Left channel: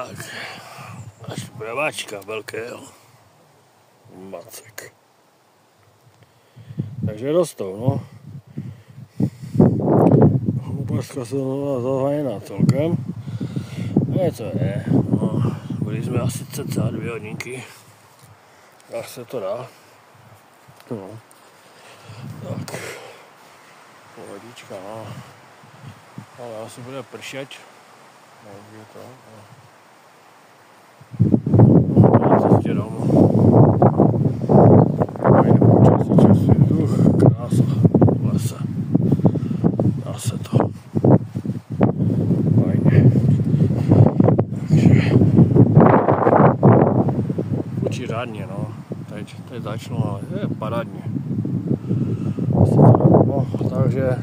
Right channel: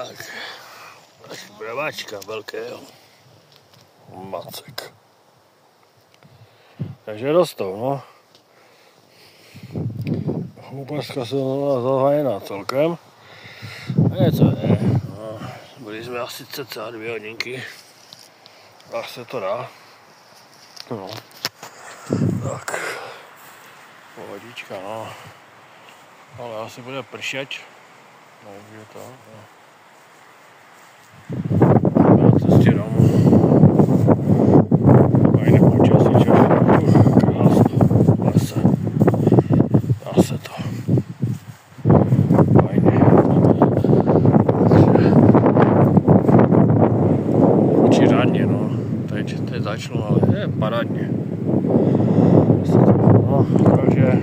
Tak. Pravačka velkého. Macek. Takže rostou, no. Choupařka jsou zahájená celkem. A to je, no. Byli jsme asi cca 2 hodinky. Až se to dá. No. Tak. Pohodička, no. Ale asi bude pršet. No, je to. No. Na cestě domů. Fajné počasíček. Krásno. Lese. Dá se to. Fajně. Takže. Učí řádně, no. Teď začnu, ale je parádně. No, takže